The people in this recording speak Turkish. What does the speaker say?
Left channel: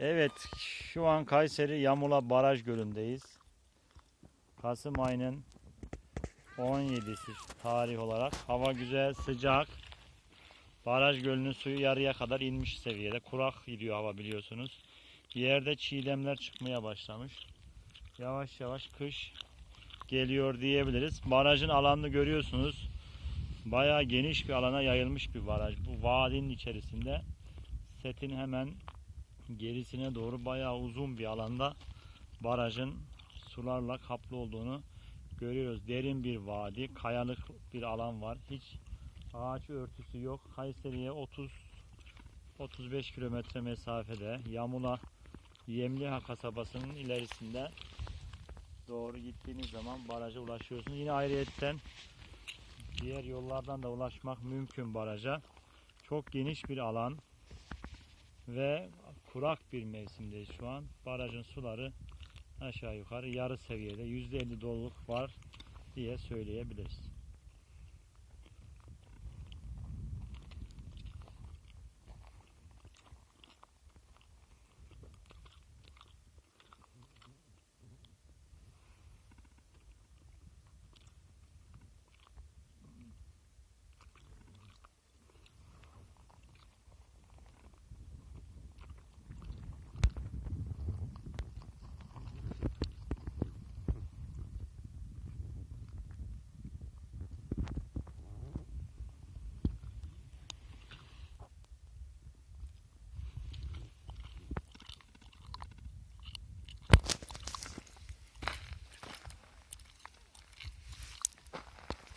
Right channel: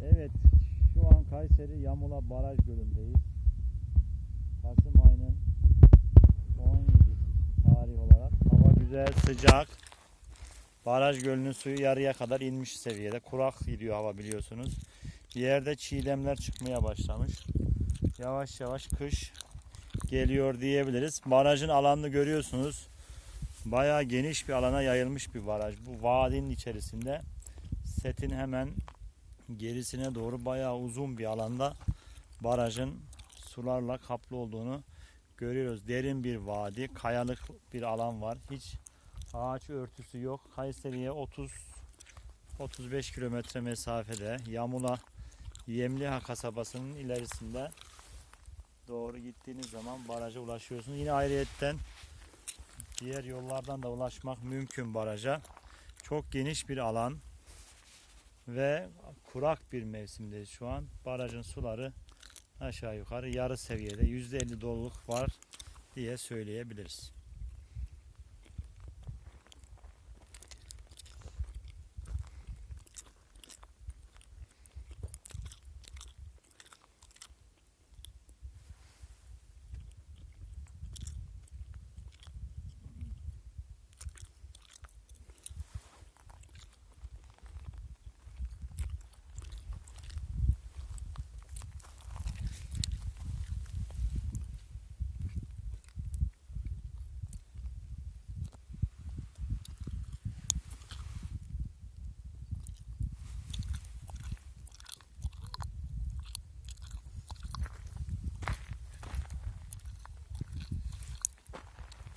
Evet, şu an Kayseri Yamula Baraj Gölü'ndeyiz. Kasım ayının 17'si tarih olarak. Hava güzel, sıcak. Baraj gölünün suyu yarıya kadar inmiş seviyede. Kurak gidiyor hava biliyorsunuz. Yerde çiğdemler çıkmaya başlamış. Yavaş yavaş kış geliyor diyebiliriz. Barajın alanını görüyorsunuz. Bayağı geniş bir alana yayılmış bir baraj. Bu vadinin içerisinde setin hemen gerisine doğru bayağı uzun bir alanda barajın sularla kaplı olduğunu görüyoruz. Derin bir vadi, kayalık bir alan var. Hiç ağaç örtüsü yok. Kayseri'ye 30 35 kilometre mesafede Yamula Yemliha kasabasının ilerisinde doğru gittiğiniz zaman baraja ulaşıyorsunuz. Yine ayrıyetten diğer yollardan da ulaşmak mümkün baraja. Çok geniş bir alan ve kurak bir mevsimdeyiz şu an. Barajın suları aşağı yukarı yarı seviyede %50 doluluk var diye söyleyebiliriz.